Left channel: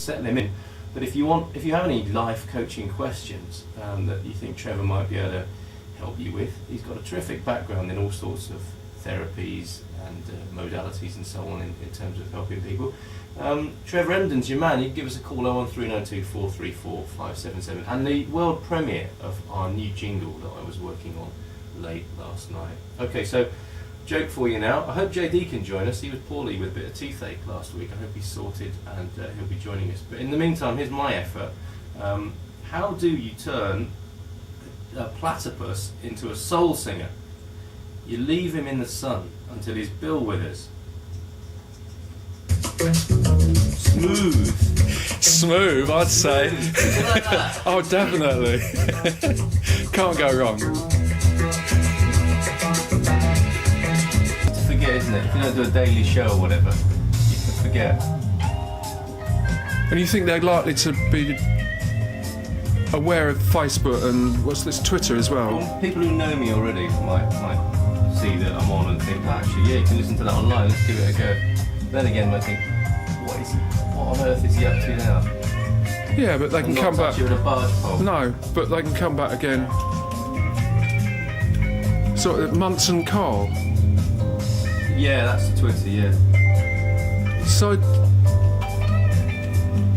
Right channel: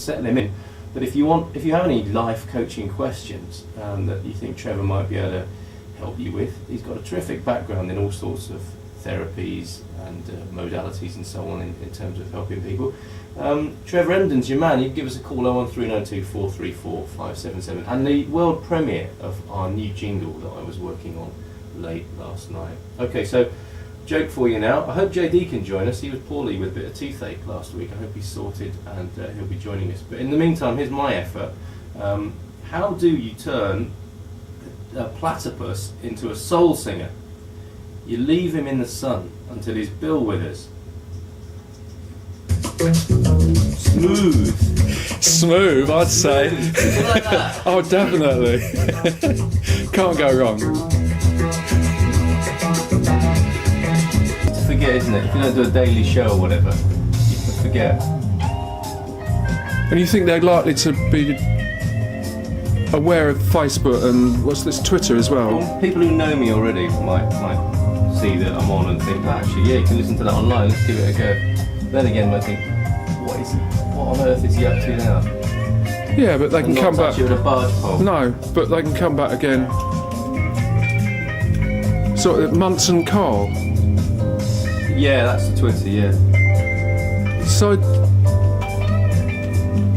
settle him in. But if you have any life coaching questions that you think Trevor might be able to help you with, he's got a terrific background in all sorts of therapies and modalities and so on in terms of helping people. Trevor Emden's your man. You can give us a call 01392 434 577, and the world premiere of our new jingle that I was working on late last night. Okay, so joke for you now. I hope JD can join us. He was poorly with a bit of toothache last week. I hope he's sorted and he'll be joining us. But in the meantime, here's my effort. How do you turn a platypus into a soul singer? You leave him in the sun until his bill withers. Smooth. Smooth, I'd say. Like that. Oh, definitely. Can't go wrong. It's to forget, isn't it? If you don't do a daily show or whatever, you can forget. And you think they're likely to be aware of Facebook and what's this, Twitter as well? Well, people who know me already might see that I'm on and think, oh, actually, yeah, you can listen to that online, let's give it a go. Then again, I think, what on earth is he up to now? Yeah, but they can come back. You in a barge pole. No, but they can come back again. Sort of Munson Carl. Yeah, that's the Twitter, yeah. So,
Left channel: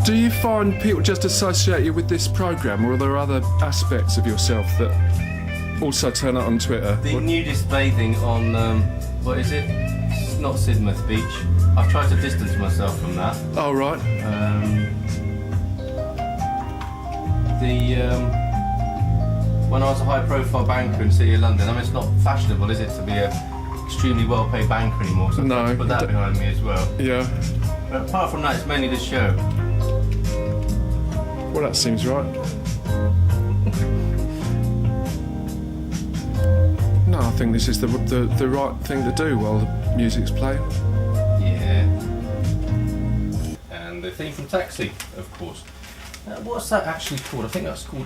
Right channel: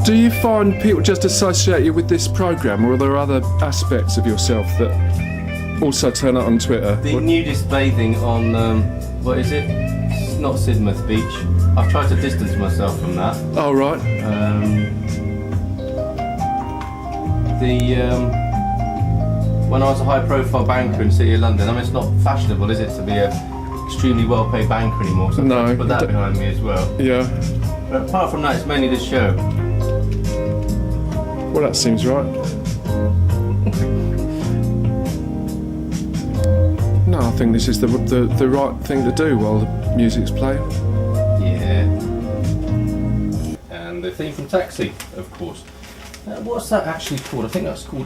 do you find people just associate you with this programme, or are there other aspects of yourself that also turn up on Twitter? The nudist bathing on, what is it? It's not Sidmouth Beach. I've tried to distance myself from that. Oh, right. When I was a high-profile banker in the City of London, I mean, it's not fashionable, is it, to be a extremely well-paid banker anymore? So No. I put that behind me as well. Yeah. But apart from that, it's mainly the show. Well, that seems right. No, I think this is the right thing to do while the music's playing. Yeah. And the theme from Taxi, of course. What's that actually called? I think that's called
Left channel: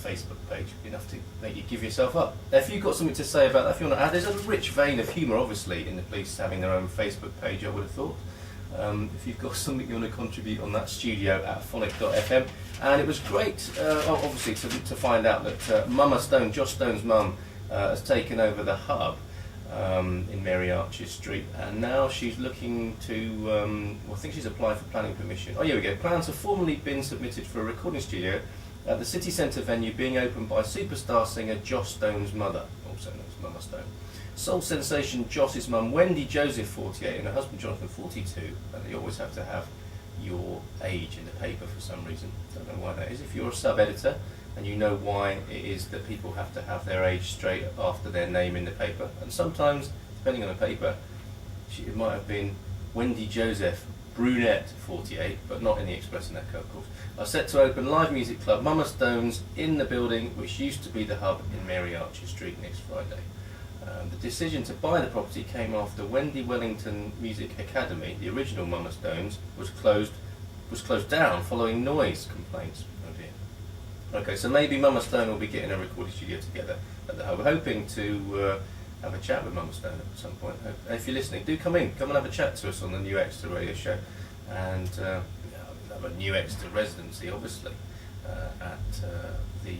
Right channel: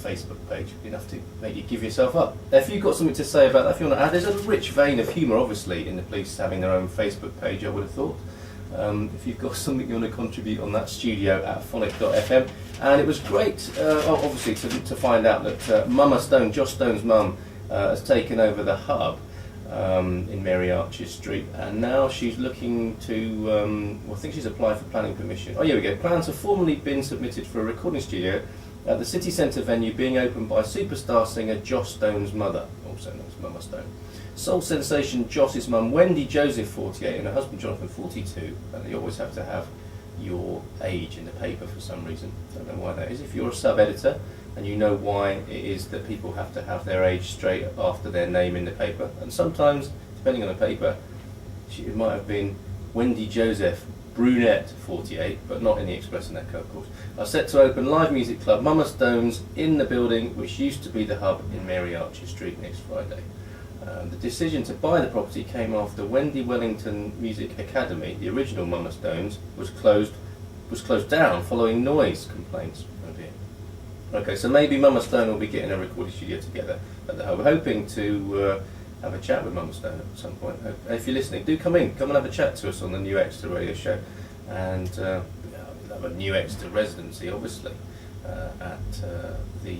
Facebook page. Enough to make you give yourself up. If you've got something to say about that, if you want to add, there's a rich vein of humour, obviously, in the police having their own Facebook page, I would have thought. If you've got something you want to contribute on that, studio at phonic.fm. And it was great, obviously, to find out that Mama Stone, Josh Stone's mum, has taken over the hub in Mary Arches Street, and now she's looking to, I think she's applied for planning permission. Oh, here we go. Plans have formally been submitted for a recording studio at the city centre venue being opened by superstar singer Josh Stone's mother, also known as Mama Stone. Soul sensation Josh's mum, Wendy Joseph, 48, and her husband Jonathan, 42, and you always have to have your age in the paper for some reason. Don't know why that is. If you're a sub-editor and you know why it is that people have to have their age straight after their name in the paper, and sometimes, depending on the paper, it might have been Wendy Joseph, brunette, 48, but not in the Express and Echo, of course, are set to open live music club Mama Stone's in the building which used to be the hub in Mary Arches Street next Friday. The decision to buy the property came after Wendy Wellington Music Academy, the original Mama Stone's, was closed down following noise complaints. Oh dear. Okay, so maybe Mama Stone will be getting a recording studio together at the hub. We're hoping to have a chat with Mama Stone at some point. If you're listening, do come in, come and have a chat to us on the New Exeter radio show, and we'll have a New Exeter residency, obviously, at the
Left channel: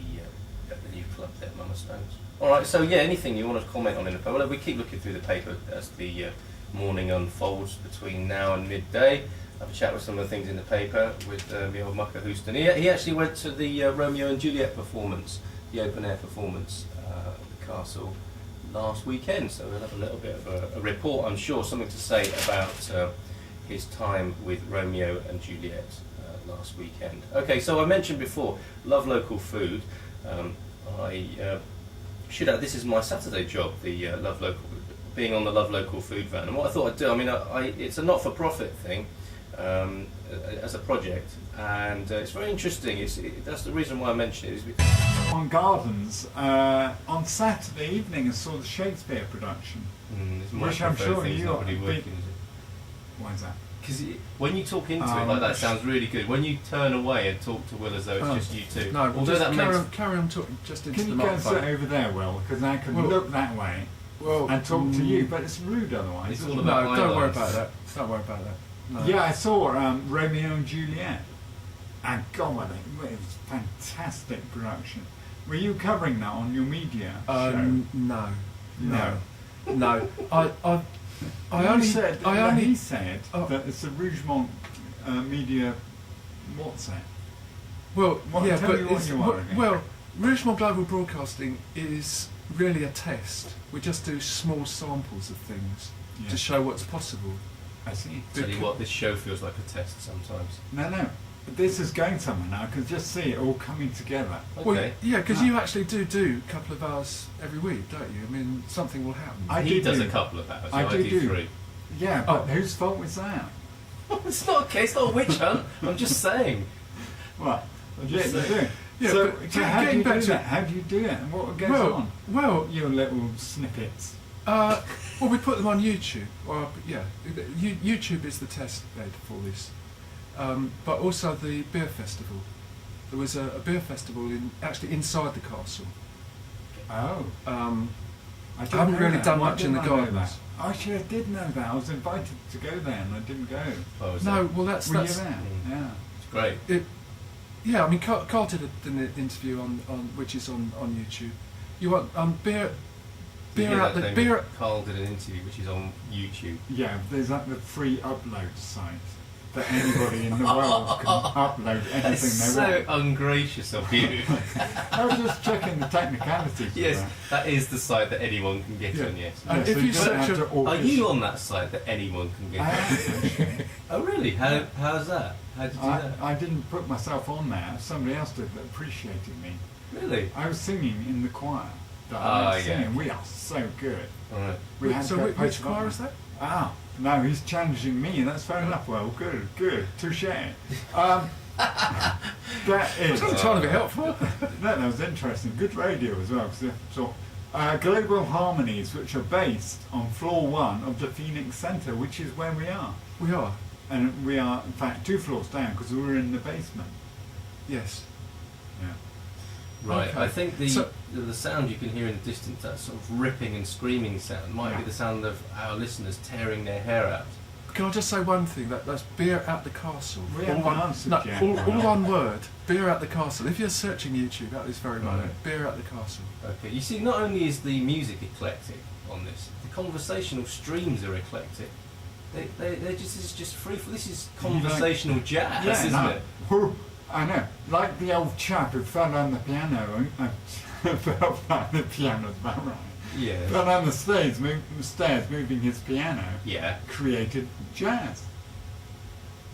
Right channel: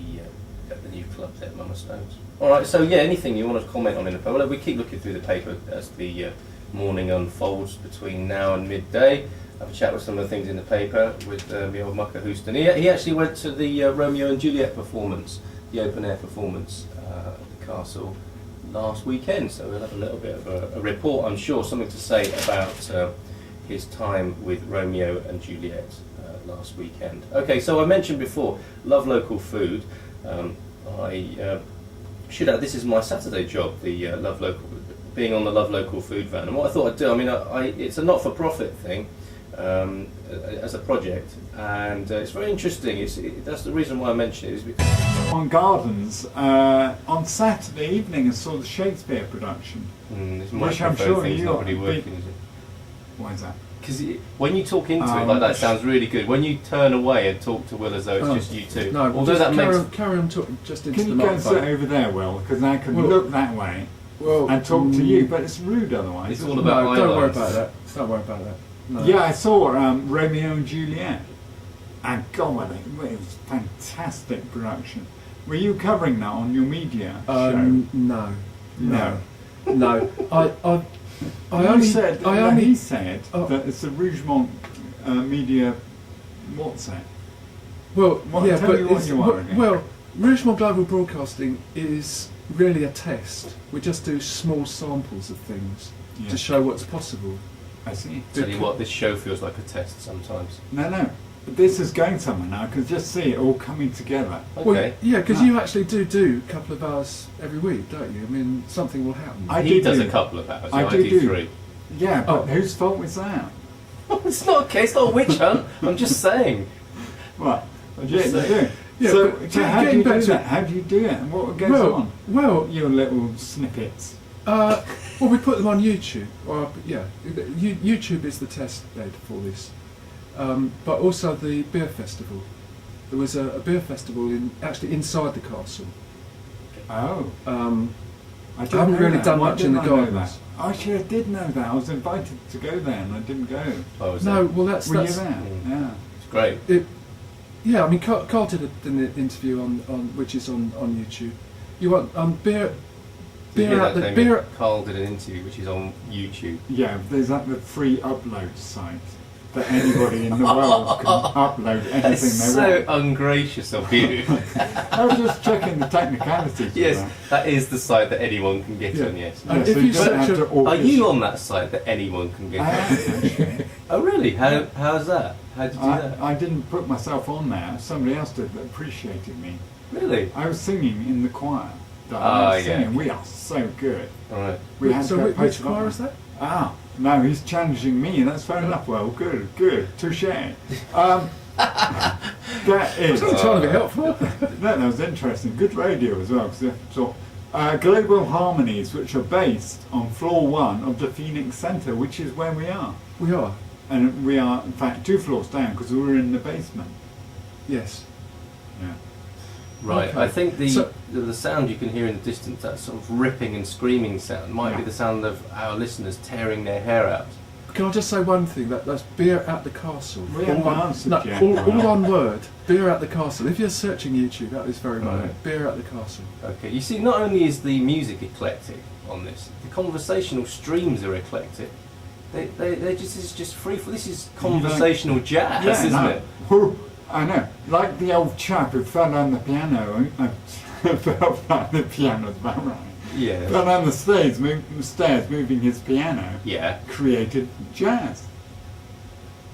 new club there, Mama Stone's. Alright, so yeah, anything you want to comment on in the paper? Well, we keep looking through the paper as the morning unfolds between now and midday. Have a chat with some of the things in the paper with the old mucker Houston. He actually went to the Romeo and Juliet performance, the open air performance at the castle last weekend, so we'll have a little bit of a report, I'm sure, something to say about his time with Romeo and Juliet last weekend. Okay, so I mentioned before, love local food. I should add, this is my Saturday job, the being on the Love Local food van. And what I thought I'd do, I mean, it's a not-for-profit thing as a project, and it's very interesting. That's the reason why I mention it, is because on Gardens on Saturday evening and saw the Shakespeare production, which I'm sure you not really working, is it? Why is that? Because when you talk into it like that, it sounds really good. When you turn away and talk to Will as though it's just you two, no, although that carry on talking just into Can the you go and sit microphone. over there, Will? Because I can look that way and talk to you, but it's rude otherwise. It's all about don't worry about that. Don't worry about that. No. Yeah, I saw Romeo and Juliet. And God, it was fantastic production. Were you covering that on your media show? No. No. No. He said that it's a Rougemont media. What's that? Well, yeah, tell but me what you are again. well, Rougemont Global Broadcasting is really a test. We just do small samples of things to show what's possible. I see. Tell you what, this show feels like a test sometimes. No. But this is going somewhere now. I can just see it all coming together. Okay. Well, yeah, because you actually do a couple of hours every week, don't you? I mean, something will happen. He does a couple of hours. I do 3. Yeah, but whose fault was that? It's not a case. It's not a witch hunt. I'm just saying. What? I'm just saying. Yeah, so but how do you getting back do to that? How do you do it? And what goes on? Well, Your little snippets. well, we put them on YouTube. YouTube is the test bed for this. But also the beer festival. There was a beer festival actually inside the castle. Oh. I haven't really done much in the gardens. Actually, I did know that. I was invited to go there and I didn't go. Oh, was No, it? well that's Were you there? Yeah. It's great. Yeah, I mean, Carl did an interview on which is on YouTube. You want beer out the beer. Carl did an interview which is on YouTube. Yeah, there's the free upload site that anybody in the world can upload anything That's they want. so ungracious of you. I was just checking the technicalities. Yes, of that is the site that anyone can get on. Yes. that. If So you don't search have to Are audition. you on that site that anyone can get I on? am, actually. Oh really? How's that? How did you do that? I didn't put myself on there. Somebody else did that appreciated me. Really? I was singing in the choir. That Ah, I was yeah. singing. We are so good. All right. We had So to go which post choir about is that? Ah, no, he's challenging me. That's fair enough. Well, good, touche. That is. I'm trying to be helpful. That was interesting. Good radio as well. So, Global Harmonies, which are based on floor 1 of the Phoenix Centre, which is where we are. We are. And we are, in fact, 2 floors down because we were in the basement. Yes. Yeah. Right. Okay. I think the sound you can hear in the distance, that sort of ripping and screaming sound, might be the sound of our listeners tearing their hair out. Can I just say one thing? That's beer at the castle. We haven't answered yet. all one word. Beer at the castle. If you're searching YouTube at this very moment, Right. beer at the castle. Okay. You see, not only is the music eclectic on this, the conversational streams are eclectic. They're just free for. This is conversational jazz, isn't it? Whew, I know. Like the old chap who fell on the piano. Fell down the piano's about right. Yeah. Fell down the stairs, moving his piano. Yeah. Created jazz.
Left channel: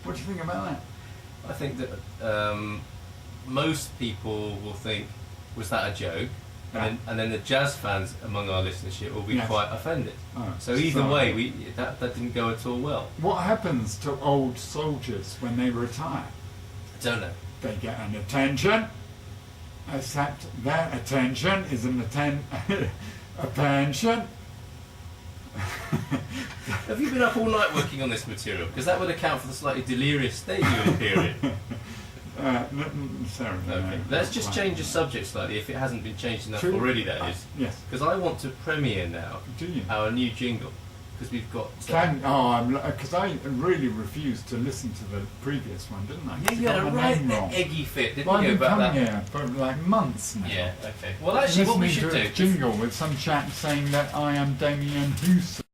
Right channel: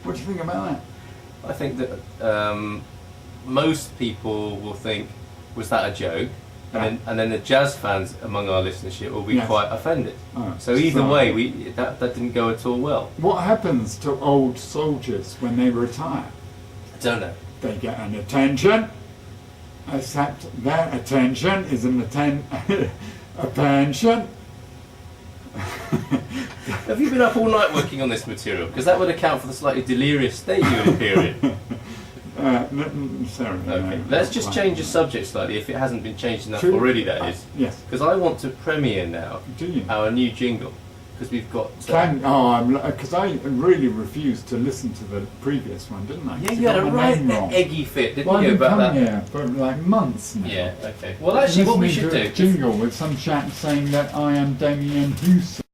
What do you think about that? I think that most people will think, was that a joke? Yeah. And then the jazz fans among our listenership will be Yes. quite offended. Oh, So either sorry. way, that didn't go at all well. What happens to old soldiers when they retire? I don't know. They get an attention, except their attention is a pension. Have you been up all night working on this material? Because that would account for the slightly delirious state you would appear in. Sorry. Okay, let's just change the subject slightly, if it hasn't been changed enough True. already, that is. Yes. Because I want to premiere now Do you? our new jingle. Because we've got... Because I really refused to listen to the previous one, didn't I? yeah, 'Cause you had I a got my right name wrong. eggy fit, didn't Well, you, I've about been that? coming here for like months now. Yeah, okay. Well, actually, what we should Listening do... to a jingle with some chap saying that I am Damien Houston.